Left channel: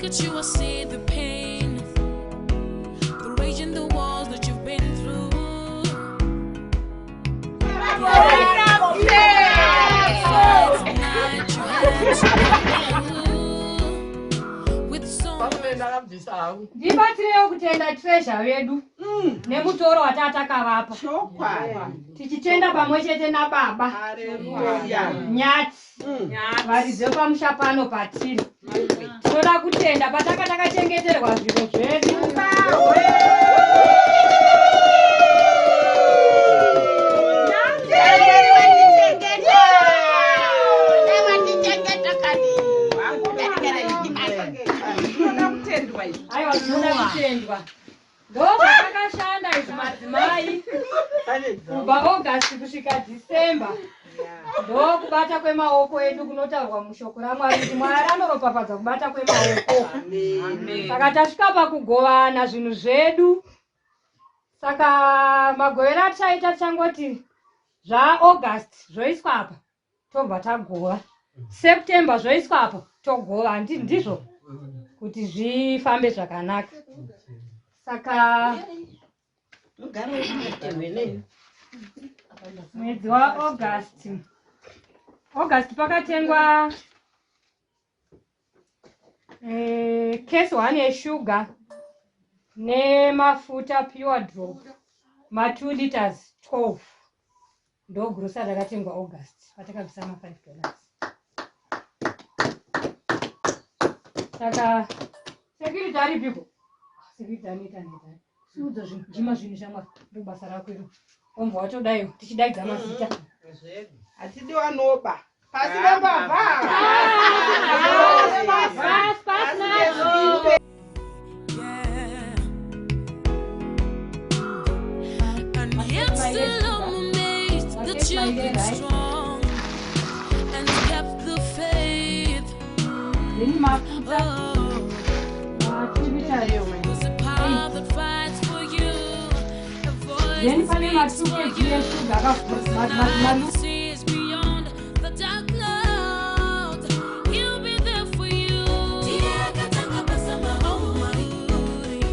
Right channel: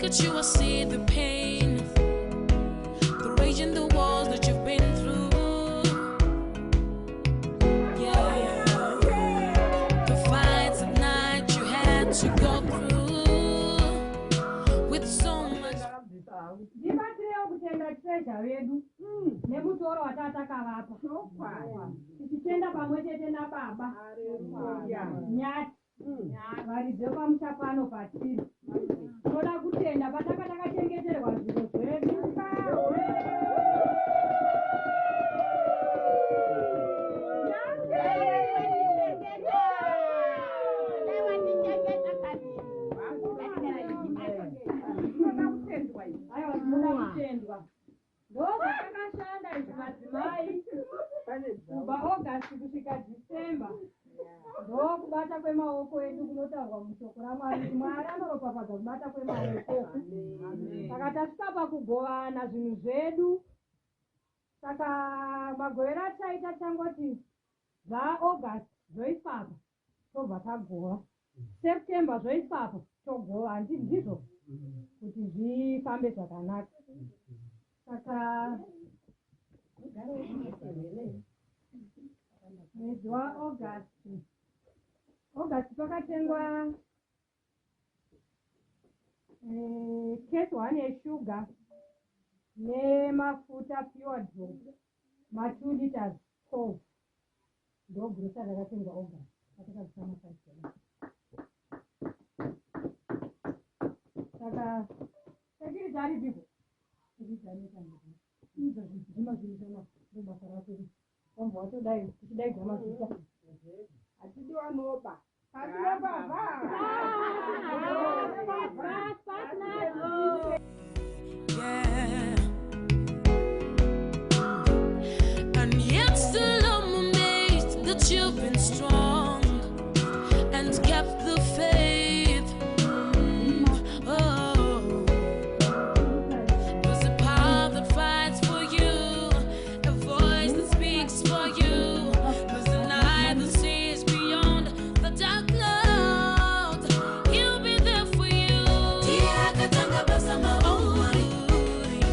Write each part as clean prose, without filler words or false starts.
look at you, I see the pain, the rage in the walls that you've been through. The fights at night you had to go through with so much. Ndibatireo kutenda treasure wedu nemutoro watatakavapa tichitenda pamwe chete nababa nyati varidze pamusha pano patiri tinoda kutenda pataka takachengeterwa zviro zvedu. Aiwa tinoda kutendwa ndozvatakashanda izvi madzimai kubva August kusvika December ndokubata kwemaoko edu kunotaurwa mushoko raMwari kuti Mwari anoropafadza kubata kwemaoko. Saka tasvika pakugovana zvinhu zvedu. Saka magovero ataita tichangoti zvaAugust zvoiswa apa tobva tagova, September zvoiswa apa togova, ndizvo kuti zvifambe zvakanaka. Saka mwedzi waAugust pakatengwa case 1 yeshuga nemafuta pure drop ma2 liters 12 ndogurusa rakatengwa August patakabvisa ma$5. Saka security ari people security anoita siudza zvinhu zvinhu shamwari ndobasa rako iro ombwa watodayo tichidaidza mazita hatidi wanoba pasi pambavha And yet still I'm amazed that you've been strong and kept the faith. Oh, was a power that fights for you, a voice that speaks for you, was the night that sees beyond the dark clouds. He'll be there for you. Oh my Lord,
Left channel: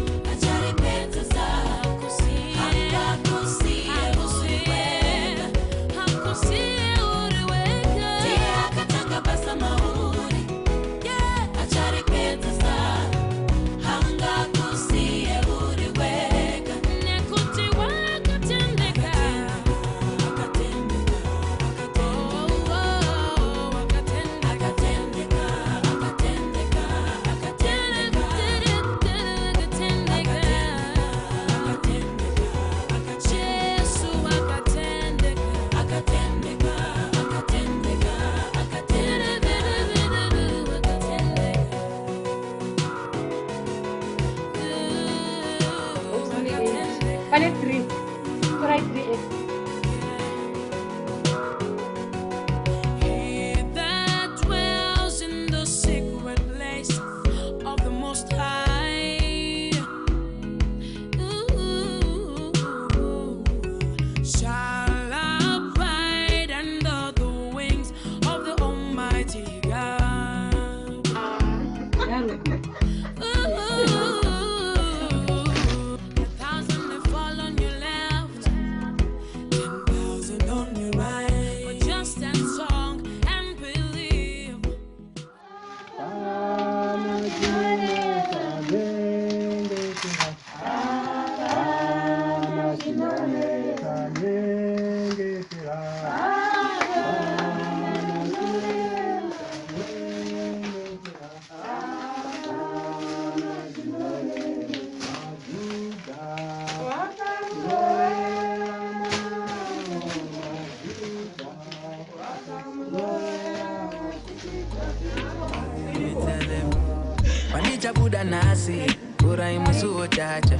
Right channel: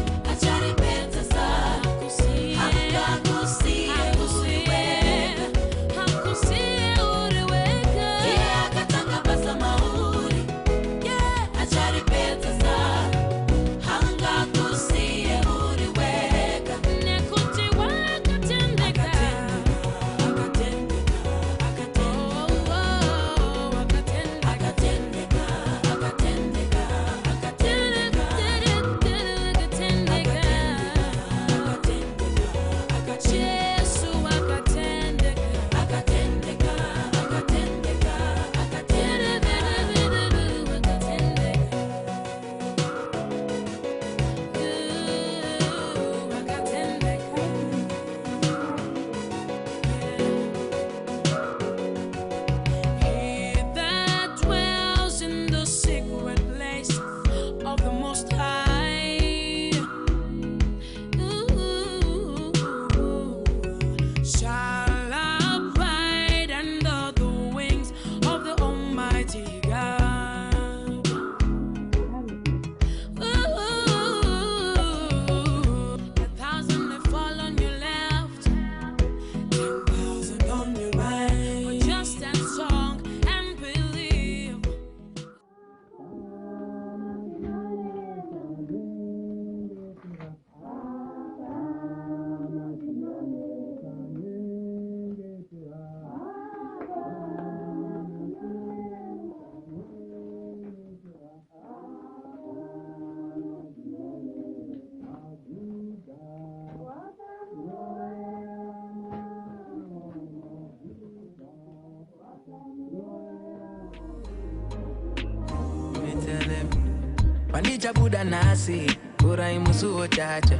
Panija buda nasi, pura imusuo chacha.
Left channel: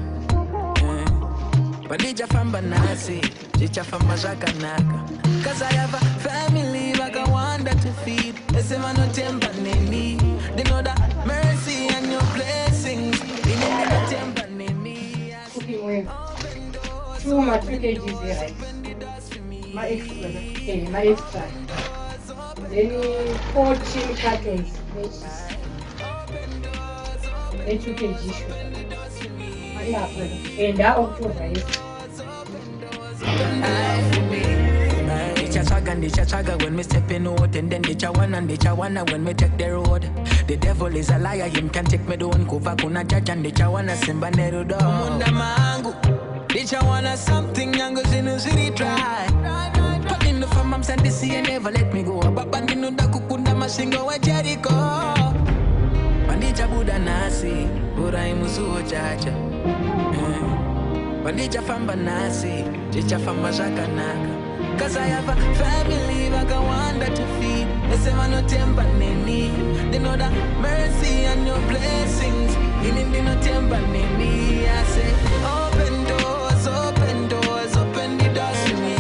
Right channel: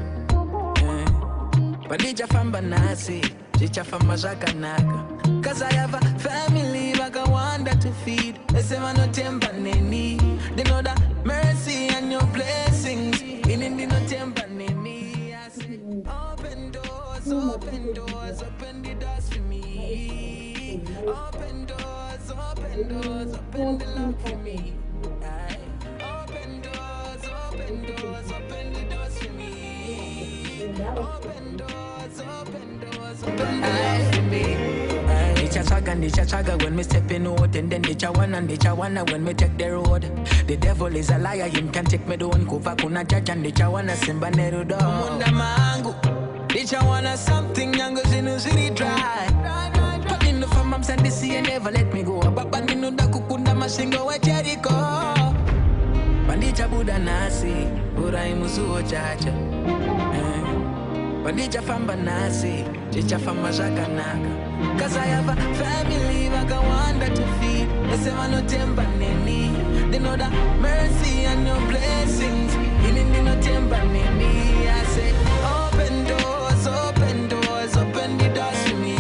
Panija famba nasi, chicha famba zakanaka. Cause I have a family like I wonder to feed. Esema no tempa neni. They know that mercy and your blessings. Inini no tempa neni. Open doors, open the doors for me. My extra. Any coaching package. Chaga when me stepping out, and then they wanna when me take the road. The devil is a liar, him can take me down. Kuva kuna judge and they wanna simba neru do. Munda mangu, they wanna something yango zinu ziri try. But in the farm I'm sent to see and never let me go. Baba ninu da kukunda masingo wa Jericho. Bandija buda nasi, ura imusu chacha. Bandija famba nasi, chicha famba shakanaga. Cause I have a family like I want to feed. They say I no temper neni. They know that mercy and your blessings. In the no temper neni. I say open doors, open doors, open the doors to me.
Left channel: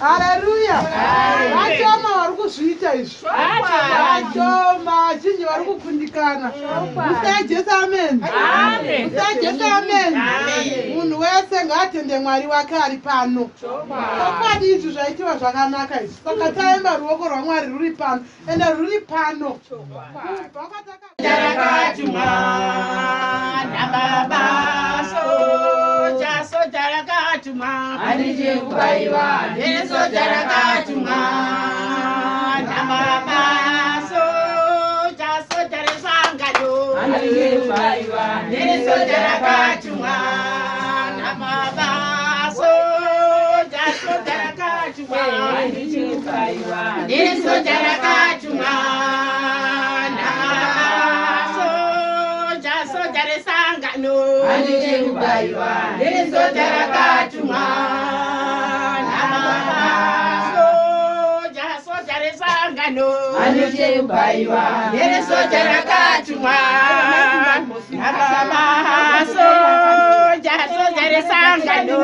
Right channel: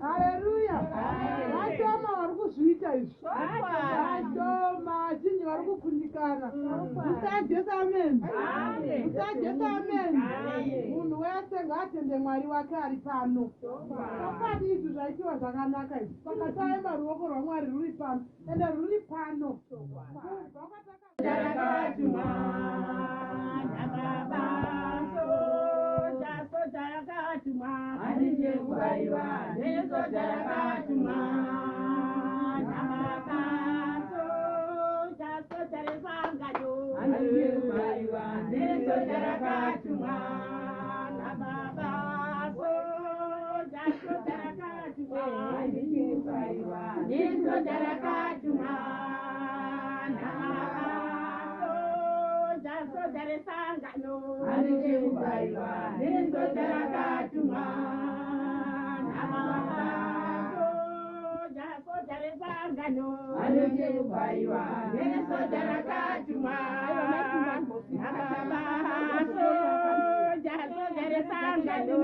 Hallelujah. Achoma warikuzviita izvi. Achoma achinji warikukundikana. Musai Jesu amen. Musai Jesu amen. Munhu wese ngaatende Mwari wake ari pano. Chokwadi izvi zvaitiwa zvakanaka izvi. Saka taimba ruoko rwaMwari ruri pano. Ende ruri pano. Anije kubaiwa neso jarakatumwa namama so jaresangado anije kubaiwa neso jarakatumwa namama so jarakatumwa anije kubaiwa neso jarakatumwa namama so jaresangado anije kubaiwa neso jarakatumwa Anije kubaiwa neso jarakatumwa namama soja resangano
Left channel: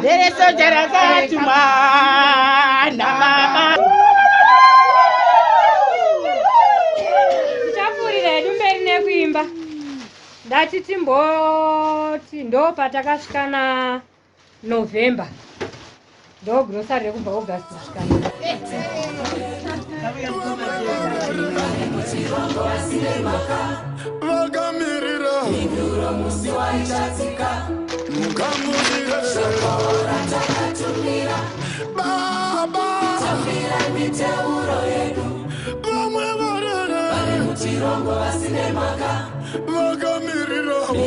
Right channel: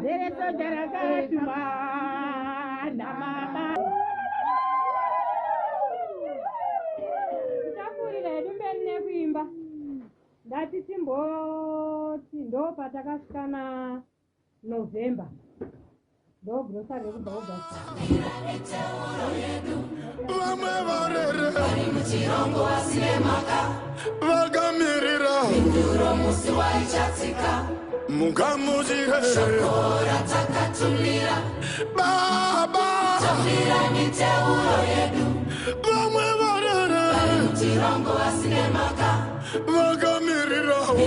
neso jarakatumwa namama tichapfuurira hedu mberi nekuimba ndatiti mboti ndo patakasvika naNovember ndo grosari rekubva August kusvika vakamirira mukamudire baba vamwe varere vakamirirawo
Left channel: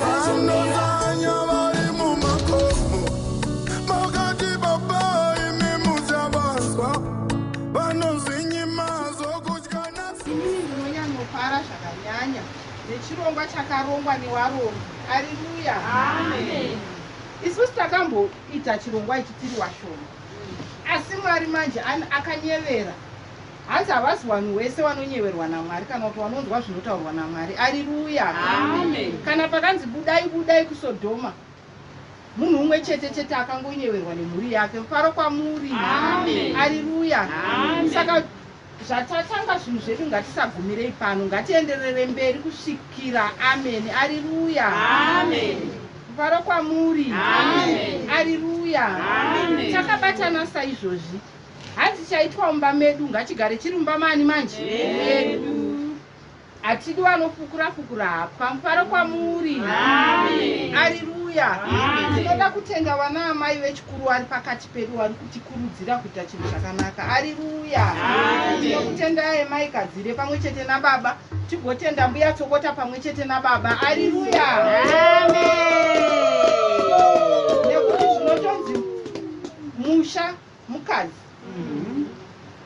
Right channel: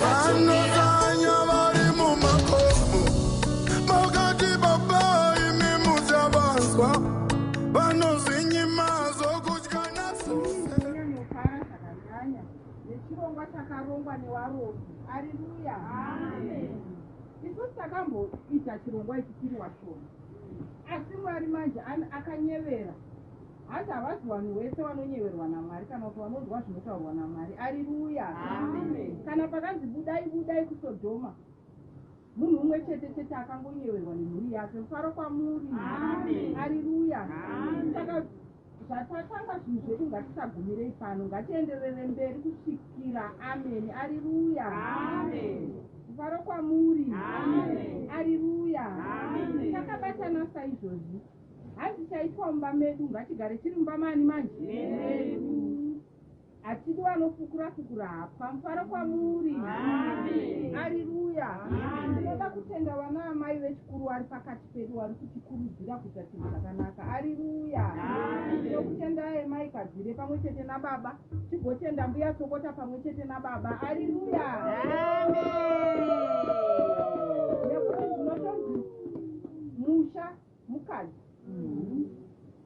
vanotanya vari mumakomo makati baba imi muchavazwa vanozvinyima zvokutya nonyanyopara zvakanyanya nechirongwa chakarongwa nevarongi. Haleluya. Isusu takamboita chirongwa ichi tiri washoma, asi Mwari manje akanyevera. Hanzi havasi vanhu vese vanonyeverwa naMwari kana kuti vanonzwa zvinotaurwa naMwari. Haleluya. Kana pakanzi budai budai kuSodhoma, munhu umwe chete chete akangonyeverwa nemhuri yake. Mufaro kwamuri. Haleluya. Saka zvatatanga zvinhu zvedu ngatisagumirei pano, ngatienderere mberi kusvikira. Amen. Haleluya. Mufaro kwamuri. Haleluya. Takabatana saizvozvi, hanzi chaitwa mumba medu ngachigare chiri mumba mani manje medu. Hatidi vanofukura hapwa. Mufaro kwamuri. Haleluya. Tinoda kutenda vana amai vechikuru vari pakati pedu vari kutikurudzira kuita chinhu zvakanaka. Haleluya. Tinokutendai mai Kadzire pamwe chete nababa, tigotenda mbuya Tsokota pamwe chete nababa. Haleluya. Nekuti zvinotonzi musha mukadzi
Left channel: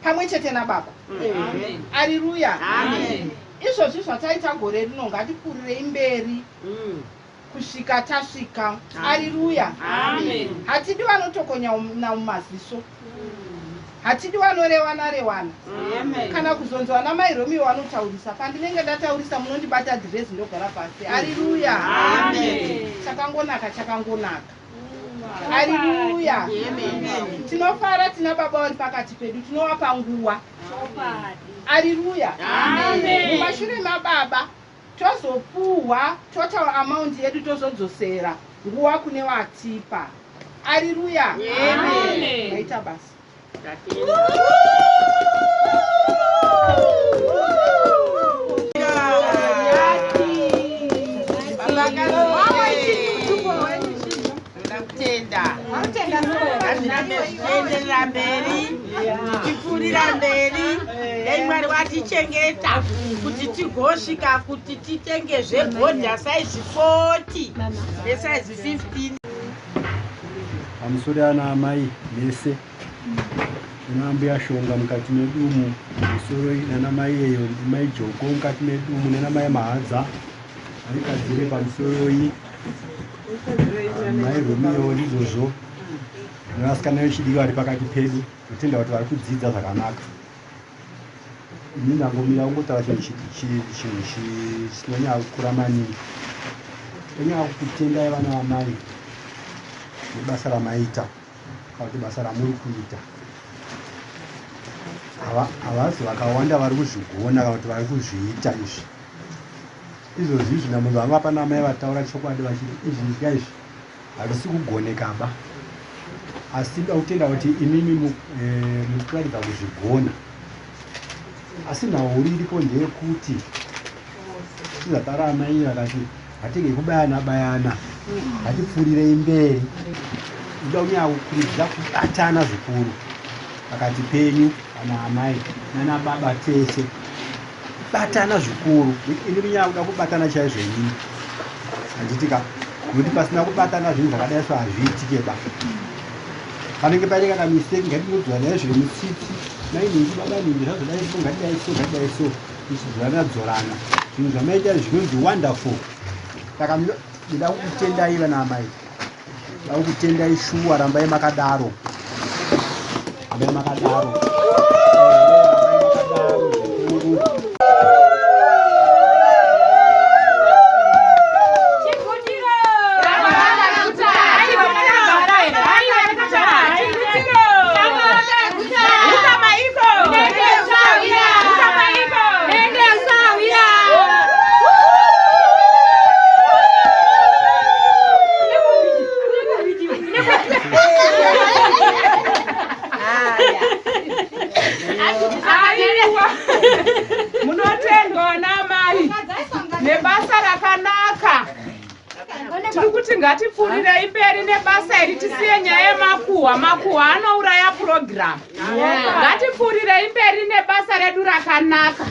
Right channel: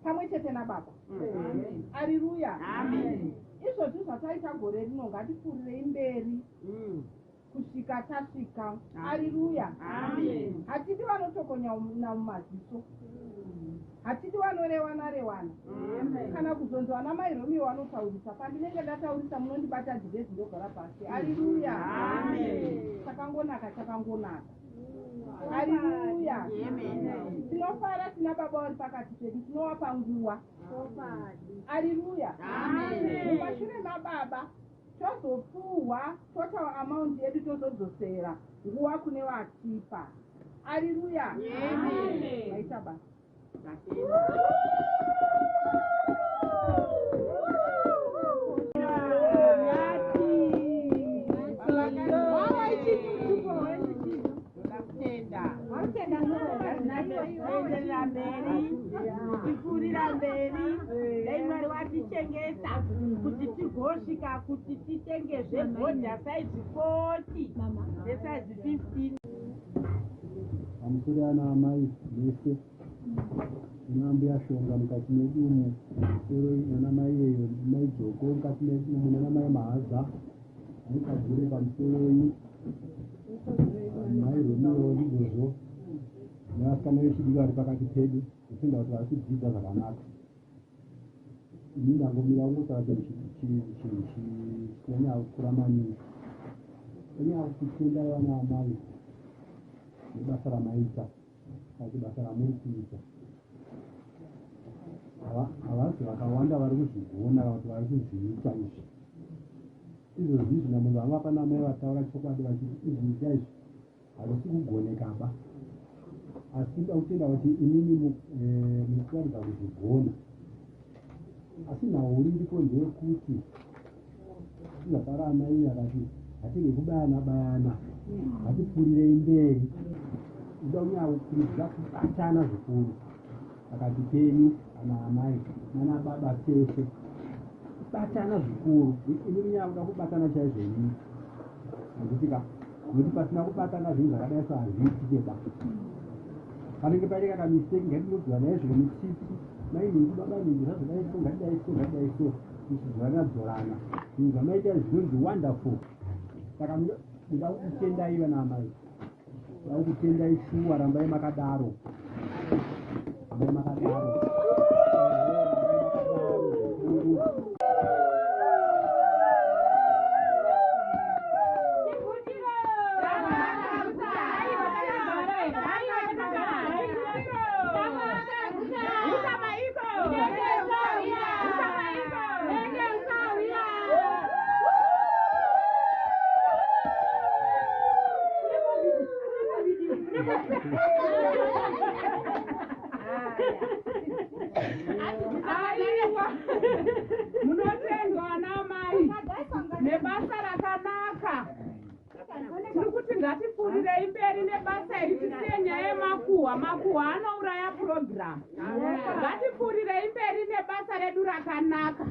pamwe chete nababa. Haleluya. Izvozvi zvataita gore rino ngatikurirei mberi kusvika tasvika. Haleluya. Hatidi vanotokonya mumaziso, hatidi vanorewana kana kuzonzwa namai Romi vanotaurisa. Pandinenge ndataurisa munondibata dhirezi ndogara pasi. Haleluya. Chakangonaka. Haleluya. Tinofara tina baba vari pakati pedu, tinovapa nguva. Haleluya. Mumashure mababa tozopuhwa total amount yedu tozodzosera nguva kune vatipa. Haleluya. Maita basi. Enderera mberi, tichipfuurira mberi, dai Mwari watichengeta kuti tigosvika kuti titengezve bhodha saizi 40 nesaizi 15. Pamusoro ana amai vese nambuya Shonga mukati medumu, musoro nana mai eyo mai Joko mukati medumu, nana mai Mahadza ari Kadzire pamusoro iyi, mai Romiyo ndizvozvo, nevasikana vechidiki vari pakati pedu, kutenda kuti vari kudzidza zvakanaka. Ini ndangomira kungotaura chinhu chinonyanya kukura maningi. Tonyanya kutendai vana vamai nebasa ramaita kana kuti basa ramuri kuita. Havazi vakawanda vari kuzvigona kana kuti vari kuzviita izvi. Izvozvi zvina munhu vanga pana mai vataura chokwadi vachiti izvi izvi hazvisi kugonekaba. Asi ndakutenda kuti imimi mukuratidza kuzvigona. Asi nhau iripo ndeyekuti tizataura amai vakati hatinge kubayana hatipfuurirei mberi. Ndoda kunyanya kukurudzira kubatana zvikuru pakati penyu kana amai nana baba tese. Batana zvikuru. Ini kunyanya kuda kubatana chaizvo inini. Handitika kuti pasina kubatana zvinhu zvakadai so hazviitike ba. Panenge paine kana mistake ngatinodzorana zviri mutsitsi. Nainhingi baba ningi zvazodai so ngatidai so tichidzorana. Zvinhu zvamaita zvinonzi wonderful. Saka ndida kukutendai vana amai. Ndida kukutendai shuwa, rambai makadaro. Rambai makadaro. Munotendwa namai nebasa rakanaka. Tiri kuti ngatipfuurirei mberi nebasa iri, tisiye nyaya yemakuhwa. Makuhwa anouraya purogiramu. Ngatipfuurirei mberi nebasa redu rakanaka,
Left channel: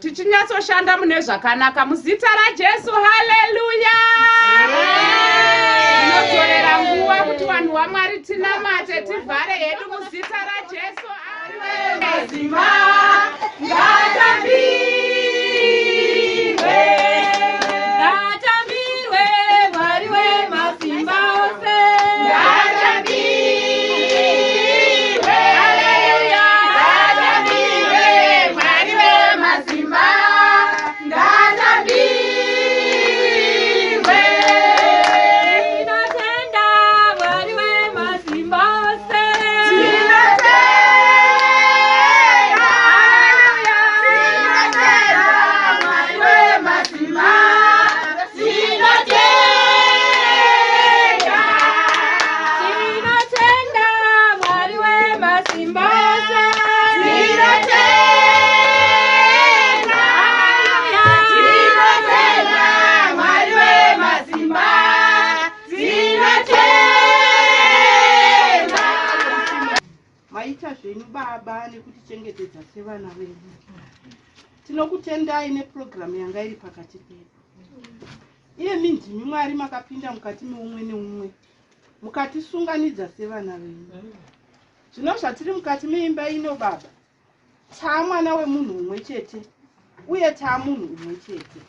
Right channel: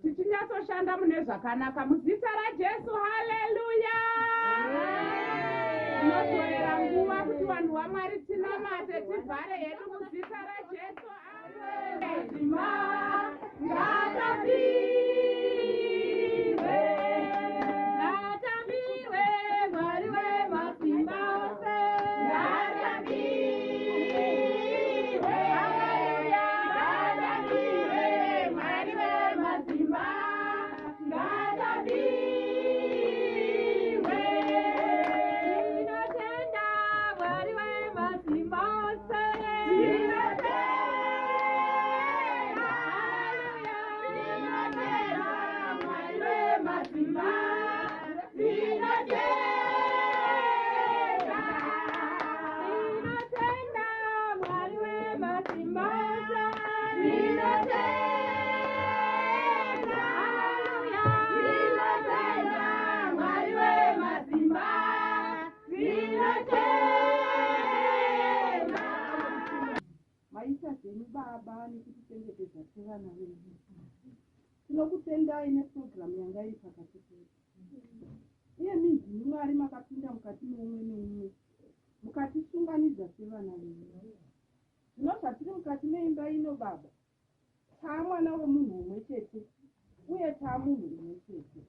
tichinyatsoshanda mune zvakanaka muzita raJesu. Haleluya. Tinodzorera nguva kuti vanhu vaMwari tinamate, tivhare hedu muzita raJesu. Mazima ngatambirwe, Ngatambirwe Mwari wemasimba ose. ngatambirwe. Haleluya. Ngatambirwe Mwari wemasimba, ngatambirwe. Tinotenda sevana vedu. Tinokutendai nepurogiramu yanga iri pakati pedu. Iye mindimi Mwari makapinda mukati meumwe neumwe mukatisunganidza sevana venyu. Zvino zvatiri mukati meimba ino baba, taamwana wemunhu umwe chete uye taamunhu umwe chete.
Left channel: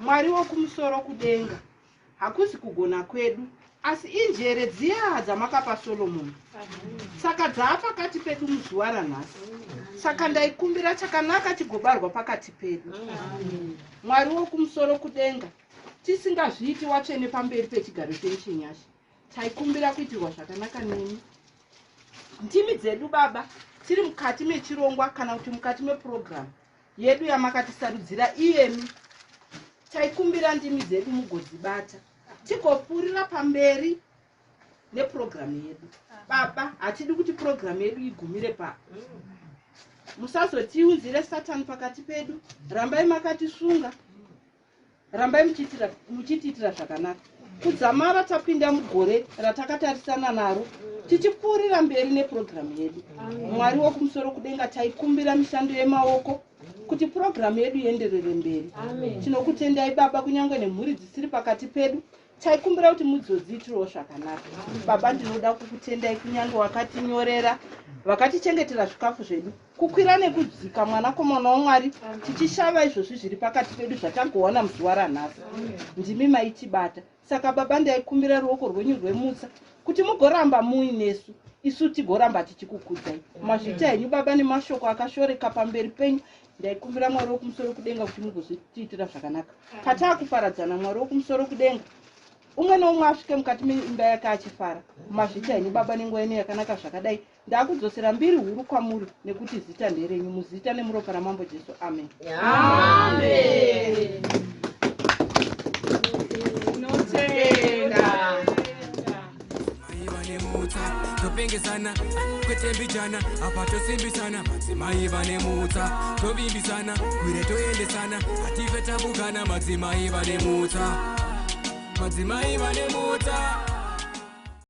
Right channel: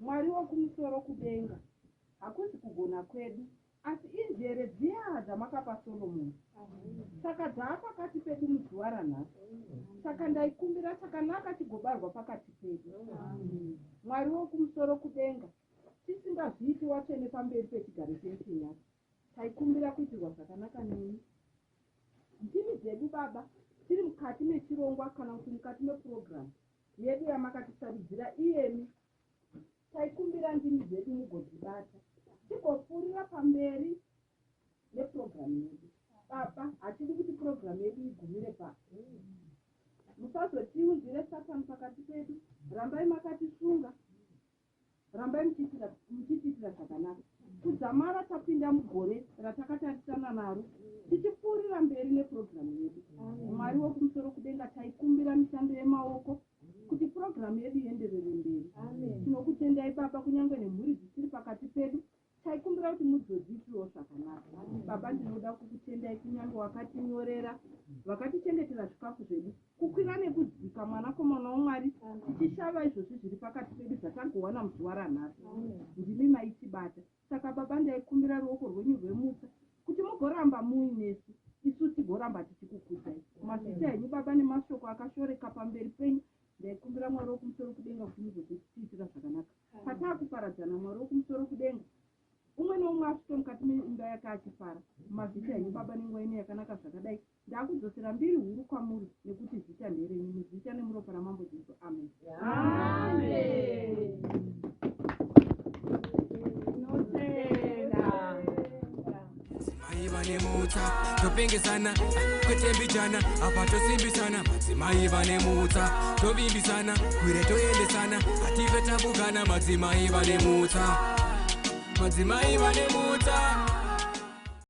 Mwari wokumusoro kudenga, hakuzi kugona kwedu asi injere dziya dzamakapa Solomoni. Saka dzaapakati pedu muzuva ranhasi. Saka ndaikumbira chakanaka chigobarwa pakati pedu. Mwari wokumusoro kudenga, tisingazviiti watsvene pamberi pechigaro chenyu chenyasha, taikumbira kuitirwa zvakanaka nemi. Ndimi dzedu baba tiri mukati mechirongwa kana kuti mukati mepurogiramu yedu yamakatisarudzira iyemi, taikumbira ndimi dzedu mugodzibata tigopfuurira pamberi nepurogiramu yedu. Baba, hatidi kuti purogiramu yedu igumire pa. Musazotiunzire Satani pakati pedu. Rambai makatisunga, rambai muchitiitira zvakanaka. Kudzamara tapinda mugore ratakatarisana naro, tichipfuurira mberi nepurogiramu yedu. Mwari wokumusoro kudenga, taikumbira mishando yemaoko kuti purogiramu yedu ienderere mberi. Tinokutendai baba, kunyange nemhuri dzisiri pakati pedu, taikumbira kuti muzodziitirawo zvakanaka. Baba, ndinoda kukutendai kunyange wakatinyorera, vakatichengetera zvikafu zvedu, kukwira nekudzika mwanakomana waMwari, tichishava izvozvi zviri pakati pedu zvatagowana muzuva ranhasi. Ndimi maitibata. Saka baba, ndaikumbira ruoko rwenyu rwemutsa kuti mugoramba muinesu, isu tigoramba tichikukudzai. Mazvita henyu baba nemashoko akashoreka pamberi penyu, ndaikumbira Mwari wokumusoro kudenga kuti mugozvitiitira zvakanaka. Pataakuparadzana Mwari wokumusoro kudenga, umwe neumwe asvike mukati meimba yake achifara. Mazvita henyu baba nenguva ino yakanaka zvakadai, ndakudzosera mbiri huru kwamuri nekuti zita nderenyu, muzita nemuropa ramambo Jesu. Amen. Amen. Topengesana kwetembichana apa tosimbisana, madzimai vane mutsa tovimbisana kwire toendesana, hatife tabukana, madzimai vane mutsa, madzimai vane mutsa.